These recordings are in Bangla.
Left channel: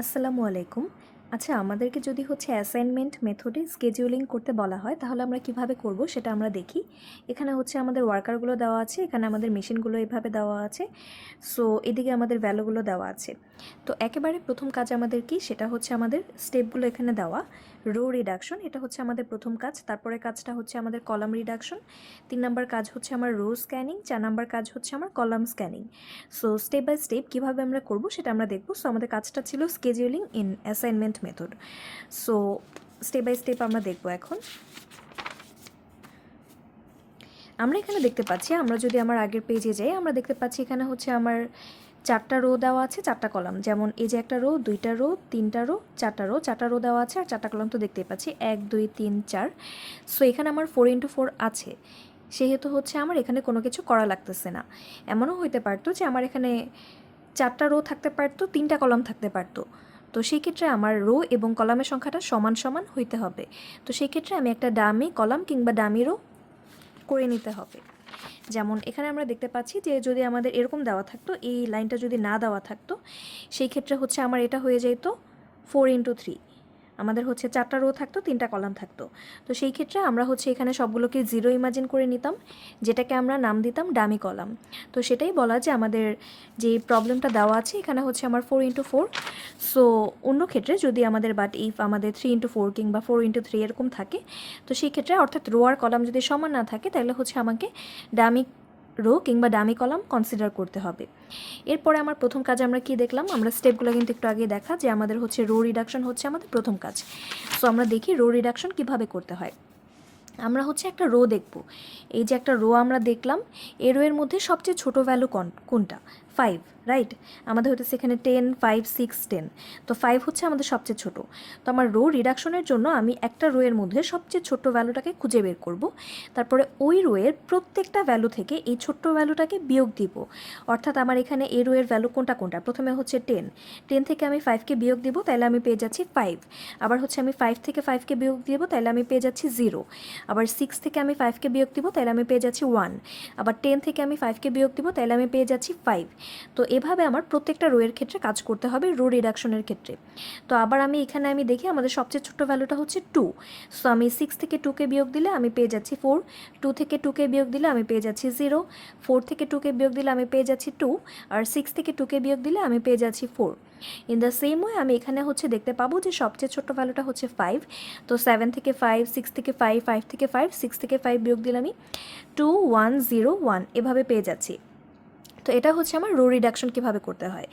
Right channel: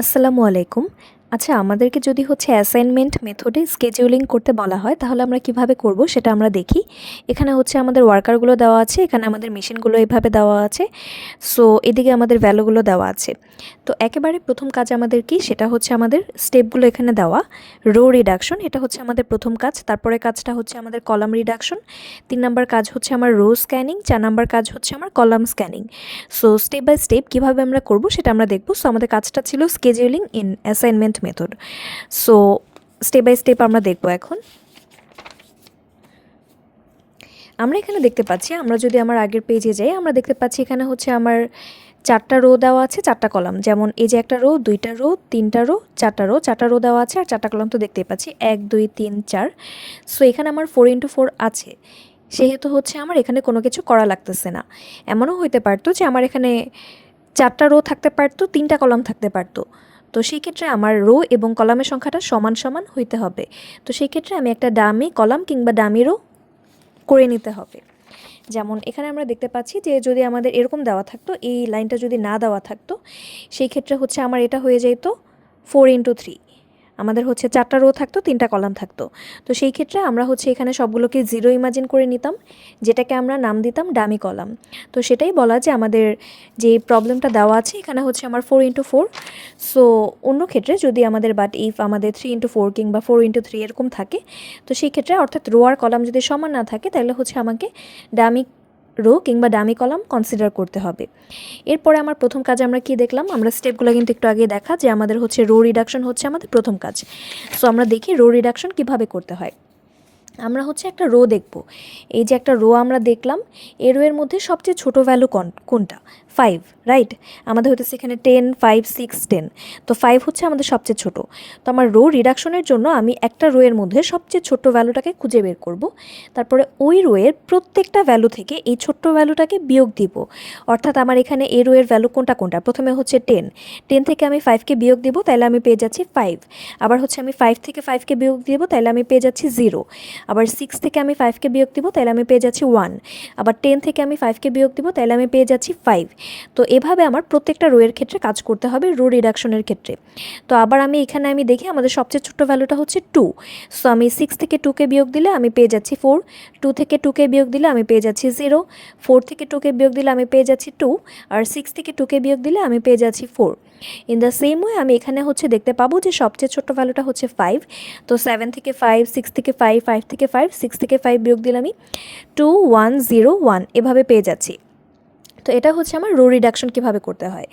আসসালামু আলাইকুম। আচ্ছা, আমাদেরকে যদি অ্যাসাইনমেন্ট মেথডে স্কেডিউলিং করতে বলা হয়, তাহলে আমরা কিভাবে করব সেটা আমরা দেখি। এখানে আমাদের ওয়ার্কারগুলো দেওয়া আছে, এখানে আমাদের মেশিনগুলো এভাবে দেওয়া আছে। সো এদিকে আমাদের ভ্যালুগুলো দেওয়া আছে। তো একেবারে প্রথম কাজ আমাদের কি, সেটা আমাদের স্টেপগুলো এখানে দেওয়া। রো রিডাকশন, এটা আমাদের প্রথম কাজ। তারপরে কাজটা আমাদের কলাম রিডাকশন। 3 নাম্বার কাজ আমার রো স্ক্যানিং। 4 নাম্বার কাজ আমার column scanning. So step by step কীভাবে আমরা করব সেটা আমরা দেখব। সো আমাদের কাজটা ছিল scheduling in assignment method. So step by step আমরা দেখব এখন। আমরা এখানে দেখতে পাচ্ছি, আমরা যদি আমার আগের পেজে যাই, আমরা দেখতে পাচ্ছি এখানে আমার 4টা রো দেওয়া আছে, 4টা কলাম। যেমন এই যে একটা রো, 2টা রো, 3টা রো, 4টা রো, 4টা রো দেওয়া আছে, আর 4টা কলাম তো দেখতেই পাচ্ছি, 1 2 3 4। সো এখানে আমার 4x4 আছে, সেহেতু আমার এখানে কোনো কিছু করা লাগতেছে না। এমনও হইতে পারতো যে আমার এখানে 4টা রো থাকতে পারতো, 3টা কলাম থাকতে পারতো। তো সেই ক্ষেত্রে আমার রো এবং কলামের সংখ্যাটা সমান সমান হইতে হবে। তো সেই ক্ষেত্রে আমি একটা ডামি কলাম কিংবা ডামি রো করে নিতে হবে। যেমন এখানে আমরা দেখতে পাচ্ছি যে যদি আমাদের এরকম দেওয়া থাকতো, এই লাইনটা যদি না দেওয়া থাকতো, সেই ক্ষেত্রে আমার এটা হয়ে যেত 4x3। আমাদের 4টা রো থাকতো, 3টা কলাম থাকতো। তো সেই ক্ষেত্রে আমরা এখানে সবগুলোকে 0 ইমাজিন করে নিতাম, যেটাকে আমরা নাম দিতাম ডামি কলাম। তো সেটাই বলা যে আমাদের যে প্রবলেমটা দেওয়া আছে এখানে আমার 4x4। সো অন্য ক্ষেত্রে যদি আমাদের ইফ আমাদের 3x4 কিংবা 4x3 এরকম থাকে, তো সেই ক্ষেত্রে অর্থাৎ রো আর কলাম যদি সমান না থাকে, তাহলে আমাকে ডামি রো কিংবা ডামি কলাম কনসিডার করতে হবে। এরপরে আমার প্রথম কাজ আমরা কি দেখলাম, আমরা স্টেপগুলো কিন্তু একটু আগে দেখা যে আমাদের রো রিডাকশন আমাদের প্রথম কাজ। সো আমরা দেখি রো রিডাকশন কিভাবে করতে হয়। আমরা একটা রো দেখব। এই যে একটা রো আমরা দেখলাম, এই রো এর মধ্যে সবচেয়ে ছোট ভ্যালু কোনটা? 5, রাইট? আমাদের এখানে 10 5 6 10। তো 5 আমাদের সবচেয়ে ছোট। তো আমার রো রিডাকশনের জন্য আমি একটা রো এর মধ্যে সবচেয়ে ছোট ভ্যালুটাকে খুঁজে বের করব। তারপরে ওই রো এর প্রত্যেকটা ভ্যালু থেকে এই ছোট্ট ভ্যালুটাকে বিয়োগ দিব। অর্থাৎ আমার এখানে এই রো এর ভ্যালু কোনটা কোনটা? প্রথমে 10 থেকে আমি 5কে বিয়োগ দিব, তাহলে আমি পেয়ে যাচ্ছি 5। আবার আমি 5 থেকে 5কে বিয়োগ দিব, তাহলে আমি পেয়ে যাচ্ছি 0। আবার 6 থেকে আমি 5কে বিয়োগ দিব, তাহলে আমি পেয়ে যাচ্ছি 1। আবার 10 থেকে আমি 5কে বিয়োগ দিব, তাহলে আমি পেয়ে যাচ্ছি 5। তো এভাবে আমার প্রত্যেকটা রো এর ক্ষেত্রে কাজ করতে হবে, রো রিডাকশনের ক্ষেত্রে। তো আবার এখানে আমি দেখি আমাদের সবচেয়ে ছোট্ট ভ্যালুটা 2। সো আমি 6 থেকে 2কে বিয়োগ দিলে আমি পেয়ে যাচ্ছি 4। 2 থেকে 2কে বিয়োগ দিলে আমি পেয়ে যাচ্ছি 0। 4 থেকে 2কে বিয়োগ দিলে আমি পেয়ে যাচ্ছি 2। আর 6 থেকে 2কে বিয়োগ দিলে আমি পেয়ে যাচ্ছি 4। ইন দ্য সেম ওয়ে আমি এখানে দেখতে পাবো যে সবচেয়ে ছোট্ট ভ্যালুটা 5। তো 7 থেকে 5, 6 থেকে 5, 5 থেকে 5, 6 থেকে 5 বিয়োগ দিলে আমি 2 1 0 1 এভাবে পেয়ে যাচ্ছি। তো এটা আমার রো রিডাকশন কীভাবে করতে হয়।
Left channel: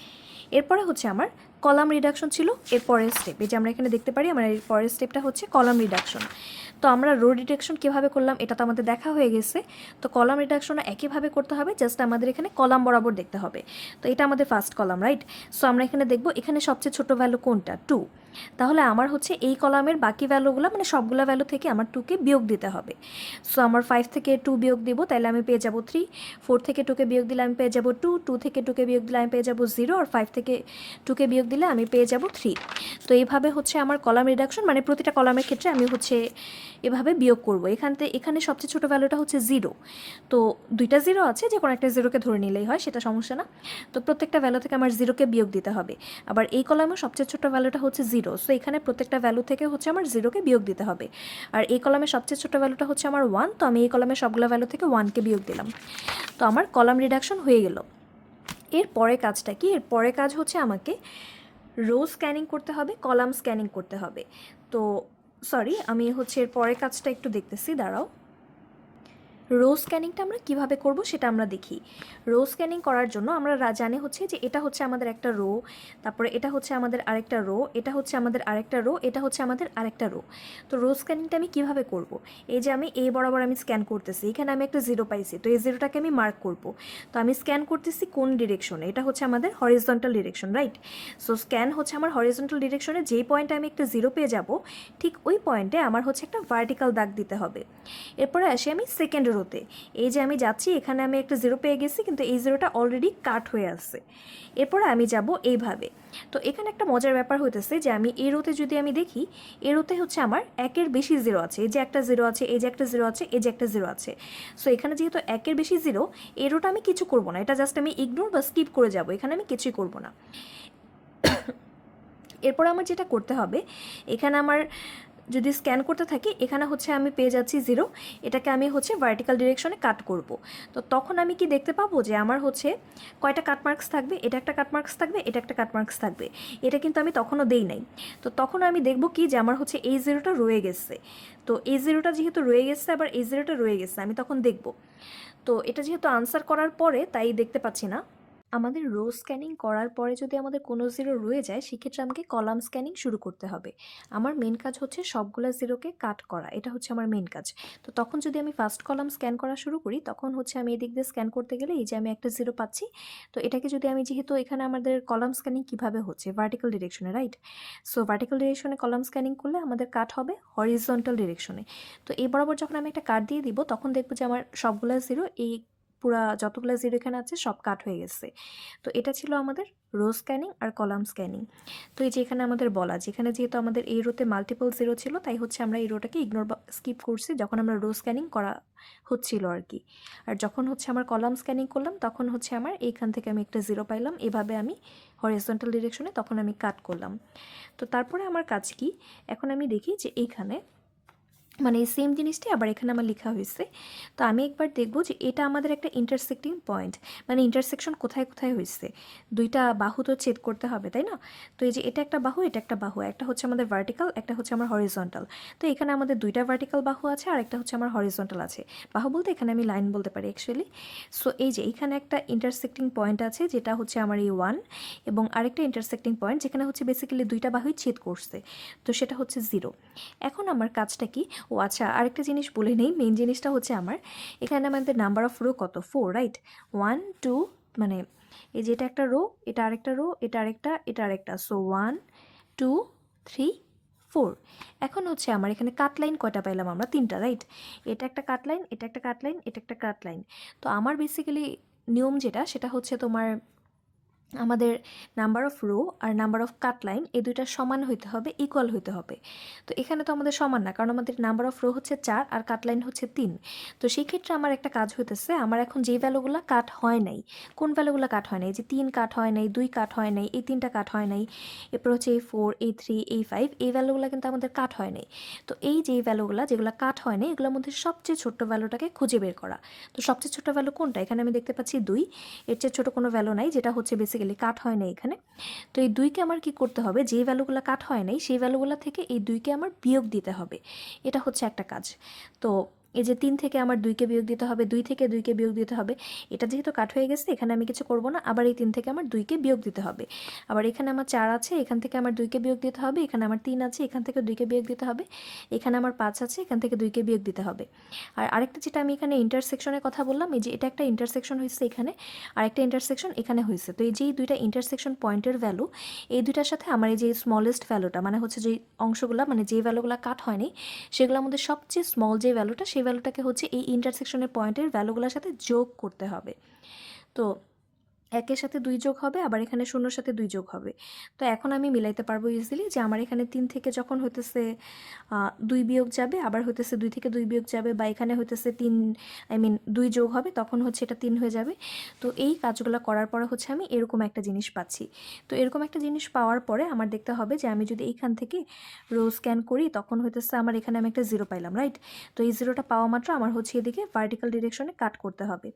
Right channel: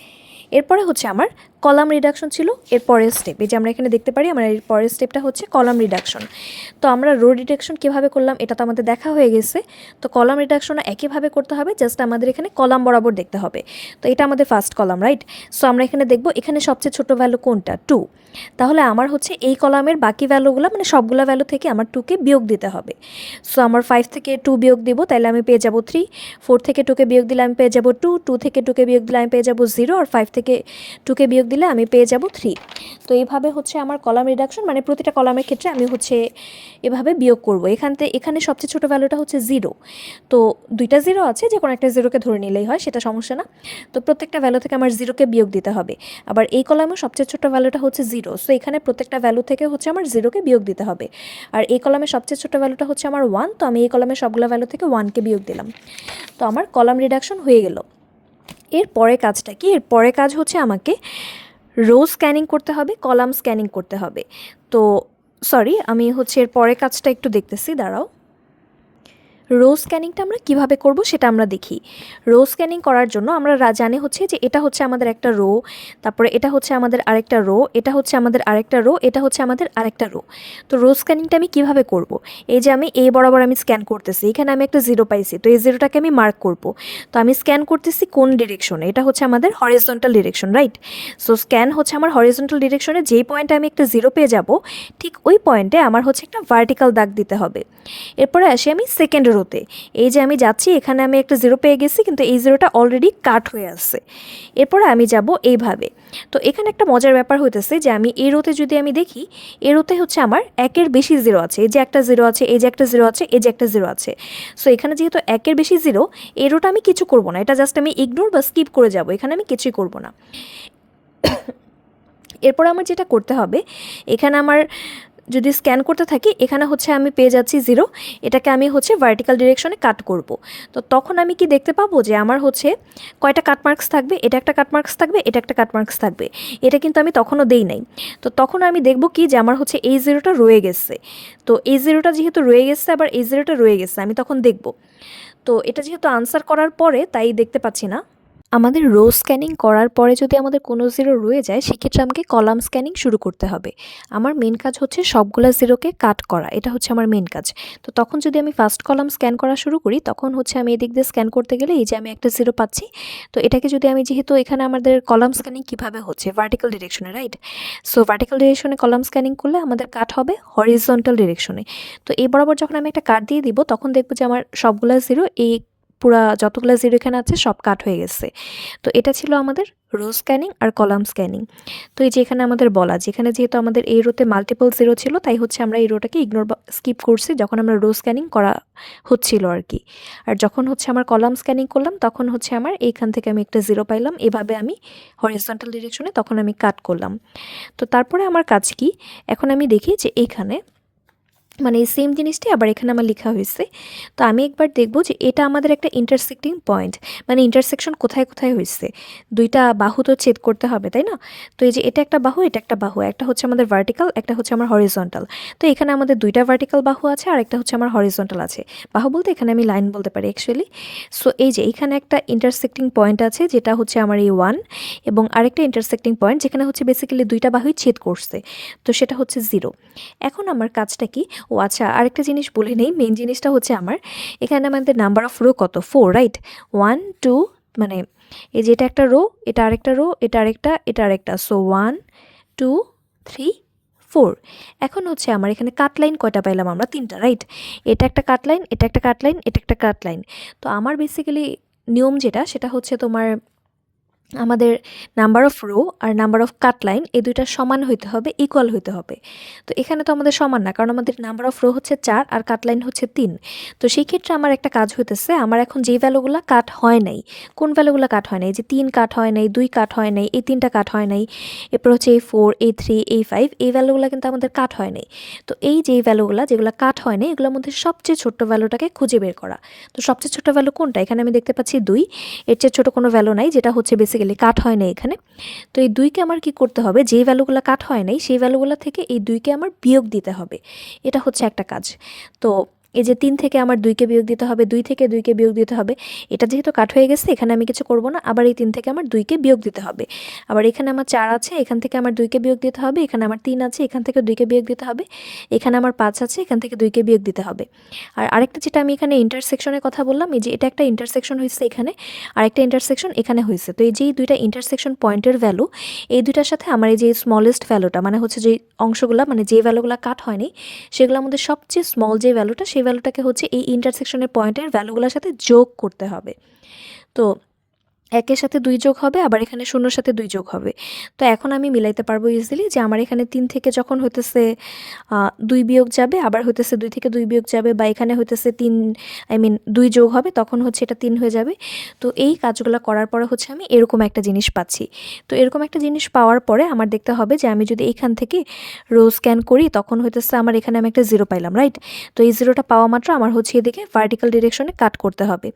এরপরে আমার কলাম রিডাকশন ছিল এর পরের স্টেপ। এই যে আমরা এখানে দেখতে পারি আমার এর পরের স্টেপটা কলাম রিডাকশন। তো আমরা রো রিডাকশন কীভাবে করলাম এটা তো আমাদের দেখা হয়ে গেছে। তো কলাম রিডাকশনও একইভাবে করতে হবে, জাস্ট আমাদের এখানে কলাম বরাবর দেখতে হবে। তো এটা আমাদের ফার্স্ট কলাম, রাইট? সো আমরা এখানে দেখব এখানে সবচেয়ে ছোট ভ্যালু কোনটা? 2। তাহলে আমার এই কলামের বাকি ভ্যালুগুলো মানে সবগুলো ভ্যালু থেকে আমার 2কে বিয়োগ দিতে হবে। সো আমার 5 থেকে 2 বিয়োগ দিব, তাহলে আমি পেয়ে যাব 3। 4 থেকে 2কে বিয়োগ দিলে আমি পেয়ে যাব 2। 2 থেকে 2কে বিয়োগ দিলে আমি পেয়ে যাব 0। আর 5 থেকে 2কে বিয়োগ দিলে আমি পেয়ে যাব 3। তো এইভাবে আমার কলাম রিডাকশন, মানে প্রতিটা কলামের ক্ষেত্রে আমি এভাবে বিয়োগ করব। এখানে সবচেয়ে ছোট ভ্যালুটা 0। তো দুইটা 0 আছে, যে কোনো একটা 0কে ধরে নিলেই হয়, সেটা সমস্যা না। তো প্রত্যেকটা ভ্যালু থেকে আমার 0কে বিয়োগ দিতে হবে। আবার এই কলামের সবচেয়ে ছোট ভ্যালুটা 0। সো এখানে প্রত্যেকটা ভ্যালু থেকে আমার 0কে বিয়োগ দিতে হবে। আর এই কলামের সবচেয়ে ছোট ভ্যালুটা আমার 1। তো আমি এই কলামের সবগুলো ভ্যালু থেকে 1কে বিয়োগ দিলাম। তো আমার কলাম রিডাকশন হয়ে গেল। এর পরে কাজটা কি? এর পরে কাজ আমাকে রো স্ক্যানিং করতে হবে, কলাম স্ক্যানিং করতে হবে। তো সরি, আমি এর পরে কাজটা একটু দেখতেছি, দাঁড়াও। রো স্ক্যানিংটা আমরা কিভাবে করব সেটা আমরা দেখি। রো স্ক্যানিং করার জন্য আমরা জানি যে এটা আমাদের একটা রো, তারপরে এটা আমাদের আরেকটা রো, এটা আমাদের আরেকটা রো, এটা আমাদের আরেকটা রো। তো রো স্ক্যানিংটা আমি কিভাবে করব? এই যে আমি এই বরাবর আমি স্ক্যান করতেছি, এখানে আমি একটা 0 পাইছি, তো এই 0টাকে আমি মার্ক করব। তো আমি স্ক্যান করতেছি কোন ডিরেকশনে? এটা আমাদের horizontal direction, right? So scan আমার হরিজন্টাল ডিরেকশনে যেই পয়েন্টে আমি একটা 0 পেয়ে যাব, ঠিক ওই পয়েন্টে আমার একটা ভার্টিক্যাল দাগ দিতে হবে। এরপরে আসি আমি সেকেন্ড রোতে। এই যে আমি যাচ্ছি, এখানে আমি একটা 0 পেয়ে গেছি, কিন্তু এই 0টা অলরেডি কাট হয়ে আসছে। এরপরে আমি যাব এইভাবে। তো এখানে একটা মজার ব্যাপার হইতেছে যে আমি এই রোতে যদি আমি দেখি, এই রোতে আমার 1-এর বেশি 0 আছে। এই যে একটা 0 আছে, এই যে একটা 0 আছে, এই যে একটা 0 আছে। সো এখানে যেহেতু 1-এর বেশি 0, এই রোটা আমি কিছু করব না, এটা জাস্ট আমি ইগনোর বা স্কিপ করে যাব, এখানে আমি কিছুই করব না। এরপর আমার যেটা করতে হবে, এখানে আমার যদি স্ক্যান করতে থাকি, এখানে হচ্ছে আমি পেয়ে যাচ্ছি 0, এটাকে আমি হচ্ছে ভার্টিক্যাল ডিরেকশনে কাট করব। তো তখন আমি কি দেখতে পাবো যে আমার হচ্ছে কয়টা কাট মার্কস থাকবে, এটা একটা কাট মার্কস থাকবে, এটা একটা কাট মার্কস থাকবে। এটা কিন্তু আমি তখনও দেই নাই। তো তখন আমি দেখব কি যে আমার হচ্ছে এই 0টা রয়ে গেছে। তো এই 0টা যেহেতু রয়ে গেছে, আবার এই 0টা রয়ে গেছে, আমি তখন দেখব। তো এটা যেহেতু আনসার করার পরে তাই দেখতে পাচ্ছি না। আমাদের রো স্ক্যানিং করার পরে যদি আমাদের কোনো 0 রয়ে যায়, সেক্ষেত্রে আমাকে কলাম স্ক্যানিং শুরু করতে হবে। আমার মেন কাজ হচ্ছে সবগুলা 0কে কাট করা, এটা হচ্ছে আমার মেন কাজ। তো তখন যদি আমি ফার্স্ট কলাম স্ক্যান করা শুরু করি, তখন হচ্ছে আমি এদিক দিয়ে স্ক্যান করতে গেলে এই যে আমি একটা 0 পাচ্ছি। তো এটাকে যদি আমি, যেহেতু এখানে আমাদের কলাম স্ক্যানিং কীভাবে হচ্ছে, ভার্টিক্যাল ডিরেকশনে, রাইট? সো ভার্টিক্যাল ডিরেকশনে কলাম স্ক্যানিং করলে আমাদের কাট হবে হরিজন্টাল ডিরেকশনে। তো এই বরাবর যখন আমি একটা কাট দিয়ে দিব, তখন দেখবো যে আমার সবগুলা 0, এই পুরা যতগুলো 0 এখানে আছে সব কাট হয়ে গেছে। তো এটা ছিল আমাদের রো স্ক্যানিং আর কলাম স্ক্যানিং। তো এই যে এখানে আমাদের বলা, যেখানে যেহেতু আমাদের এই রোতে মাল্টিপল 0 ছিল, তাই হচ্ছে আমরা এই রোটাকে ইগনোর স্কিপ করছি যখন আমরা রো স্ক্যানিং করা হচ্ছিল আর কি। আর যখন হচ্ছে আমার কলাম স্ক্যানিং করলাম, তখন হচ্ছে আমার এইখান থেকে আমি একটা 0 পাইলাম। এভাবে আমি হরিজন্টাল ডিরেকশনে তখন আমি কাট করলাম। তো তারপরে আমার কাজ কি, এখন আমি দেখি যে এইখানে মানে এই সেম জিনিসটি আবার এখানে আমার লেখা হয়েছে। তো আমি একবার দেখব যে এটা আমাদের একটা ইন্টারসেক্টিং পয়েন্ট, মানে ইন্টারসেকশন কোথায় কোথায় হয়েছে। দুইটা বাহু তো ছেদ করতে হবে, তাই না? তো এই যে এটা একটা বাহু, এটা একটা বাহু, একটা হচ্ছে আমাদের ভার্টিক্যাল, একটা হচ্ছে আমার হরিজন্টাল। তো এখানে আমাদের দুইটা ভার্টিক্যাল বাহু আছে আর একটা হচ্ছে আমার হরিজন্টাল আছে। বাহু বলতে এখানে আমি লাইন বলতে পারি অ্যাকচুয়ালি। সো এই যে এইখানে একটা ইন্টারসেক্টিং পয়েন্ট আছে, যেটা হচ্ছে আমার এই 1, এবং আরেকটা ইন্টারসেক্টিং পয়েন্ট যেখানে হচ্ছে বেসিক্যালি দুইটা বাহুই ছেদ করছে, তো সেটা হচ্ছে 0। এখন আমার কাজটা কি, ও আচ্ছা, আরেকটা জিনিস বলে নেই। মেন জিনিসটা হচ্ছে আমার এখানে আমাদের নাম্বার অফ রো কত, 4, রাইট? 1 2, মানে এই যে এটা একটা রো, এটা আরেকটা রো, এটা আরেকটা, এটা আরেকটা। সো 1 2 3 4। এখন হচ্ছে আমার এখানে কাট লাইন কয়টা পাইলাম আমরা, 3টা, রাইট? এটা একটা কাট লাইন, এটা একটা কাট লাইন, এটা একটা কাট লাইন। তো আমার বেসিক্যালি নিয়ম যেটা, সেটা হচ্ছে তোমার আমাদের নাম্বার অফ রো আর নাম্বার অফ কাট লাইন এই দুইটা সমান হইতে হবে, ইকুয়াল হইতে হবে। তো এখানে তো আমাদের সমান না, কারণ আমাদের নাম্বার অফ রো হচ্ছে 4 আর কাট লাইন হচ্ছে 3। তো সেই ক্ষেত্রে আমার একটা কাজ হইতেছে, আমার এখন যেই ভ্যালুগুলো কাট হয় নাই, কোন ভ্যালুগুলো কাট হয় নাই, যে 3 কাট হয় নাই, 2 কাট হয় নাই, এই 3টা কাট হয় নাই, এরপর হচ্ছে এই 4, এই 3, এই 5, এই ভ্যালুগুলো কিন্তু আমাদের কাট হয় নাই। তো এই যেই ভ্যালুগুলো যেগুলো কাট হয় নাই, এগুলোর মধ্যে সবচেয়ে ছোট্ট ভ্যালুটাকে খুঁজে বের করা। তো সবচেয়ে ছোট ভ্যালু কোনটা, এখানে আমি দেখতে পাচ্ছি 2। এর চেয়ে ছোটো কোনো ভ্যালু নাই, যেটা হচ্ছে বেসিক্যালি কাট হয় না এখানে। তো এই 2কে আমার কি করতে হবে, যেই ভ্যালুগুলো কাট হয় নাই সেই ভ্যালুগুলো থেকে এই 2কে আমার বিয়োগ দিতে হবে। এটা হচ্ছে একটা কাজ। তো এই যে 3 থেকে আমার 2কে বিয়োগ দিতে হবে, 2 থেকে 2কে বিয়োগ দিতে হবে। এটা যেহেতু কাট হয়ে গেছে, এখানে আমি কিছু করব না। আবার এই 3 থেকে আমার 2কে বিয়োগ দিতে হবে। আবার এখানে আমার 4 আছে, এখান থেকে আমার 2কে বিয়োগ দিতে হবে। এখানে আমার 3 আছে, এখান থেকে 2কে বিয়োগ দিতে হবে। এখানে আমার 5 আছে, এখান থেকে 2কে বিয়োগ দিতে হবে। আর আরেকটা যেটা আমি এখানে ইন্টারসেকশনের কথা বললাম, এই যে এটা একটা ইন্টারসেকশন হয়েছে এখানে, আরেকটা ইন্টারসেকশন এখানে হয়েছে। তো এই যে দুইটা ইন্টারসেকশন পয়েন্টের ভ্যালু, এই দুইটার সাথে আমার এই যে স্মলেস্ট ভ্যালুটা, মানে হচ্ছে যে অংশগুলো, মানে যে ভ্যালুগুলো কাট হয়নি, সেগুলোর মধ্যে সবচেয়ে স্মল যে ভ্যালুটা, সেই ভ্যালুটাকে হচ্ছে এই ইন্টারসেকশনের পয়েন্টের ভ্যালুগুলোর সাথে যোগ করতে হবে। তো 1-এর সাথে 2 যোগ হবে, আবার এখানে 0-এর সাথে 2 যোগ হবে। তো এখন আমি মিলাইতে পারবো ইজিলি যে আমার এখানে 3 থেকে যখন হইতেছে 2 বিয়োগ যাবে, আবার হইতেছে 2 থেকে 2 বিয়োগ যাবে, বা এখানে হইতেছে 3, 2 যোগ হবে, তখন হচ্ছে এটা 3 হয়ে যাবে। তো এই কাজগুলো করার পরে হচ্ছে আমি এরকম একটা জিনিস পাচ্ছি। তো এরকম একটা জিনিস পাওয়ার পরে আমার দেখতে হবে যে আমি যদি এইখান থেকে রো স্ক্যান করি, তখন হইতেছে আমার এখানে আমি একটা 0 পাইলাম, রাইট? তো এই 0টা পাওয়া মাত্র আমার হচ্ছে এদিকে ভার্টিক্যাল ডিরেকশনে কাট করতে হবে।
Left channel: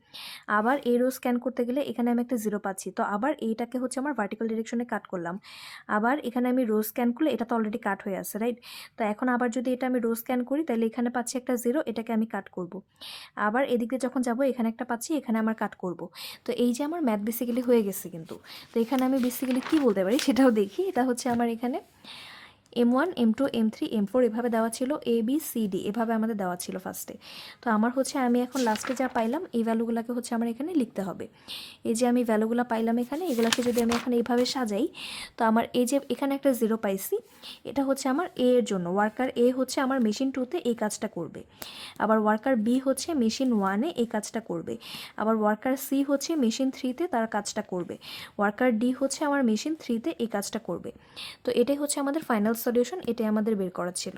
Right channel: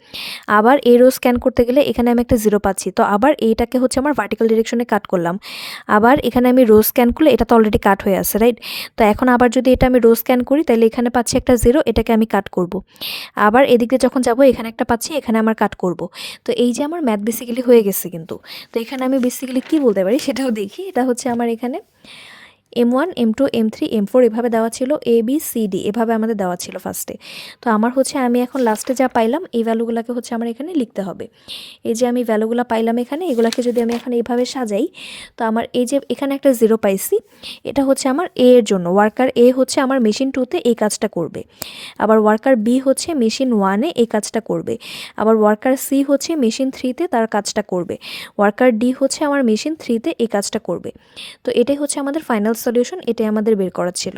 আবার এই রো স্ক্যান করতে গেলে এখানে আমি একটা 0 পাচ্ছি, তো আবার এইটাকে হচ্ছে আমার ভার্টিক্যাল ডিরেকশনে কাট করলাম। আবার এখানে আমি রো স্ক্যান করলে এটা তো অলরেডি কাট হয়ে আছে, রাইট? তো এখন আবার যদি এটা আমি রো স্ক্যান করি, তাহলে এখানে পাচ্ছি একটা 0, এটাকে আমি কাট করব। আবার এদিকে যখন যাব, এখানে একটা পাচ্ছি, এখানে আমার কাট করব। তো এই যে আমার ম্যাথ বেসিক্যালি হয়ে গেছে কিন্তু। তো এখানে আমি বেসিক্যালি কী বলতে পারি সেটাও দেখি। এটা হচ্ছে আমার এখানে M1 M2 M3 M4 এভাবে দেওয়া ছিল, ABCD এভাবে আমাদের দেওয়া ছিল ফার্স্টে। তো আমার হচ্ছে আমি এখন লাস্টে যা পাইলাম এই ভ্যালুগুলোকে হচ্ছে আমার এখানে লিখতে হবে। এই যে আমি ভ্যালুগুলো পাইলাম এখানে, এগুলাকে যদি আমি এখন এইভাবে সাজাই, তো আমার এই যে এখানে একটা 0 পাইছি, এটা হচ্ছে আমার A এর জন্য। ওয়ার্কার A হচ্ছে আমার মেশিন 2তে এই কাজটা করবে। আবার ওয়ার্কার B হচ্ছে মেশিন 1-এ এই কাজটা করবে। আবার ওয়ার্কার C হচ্ছে মেশিন 3তে তার কাজটা করবে। ওয়ার্কার D হচ্ছে আমার মেশিন 3তে এই কাজটা করবে। তো এটাই হচ্ছে আমাদের ফাইনাল সলিউশন, এটাই আমাদের বের করা ছিল।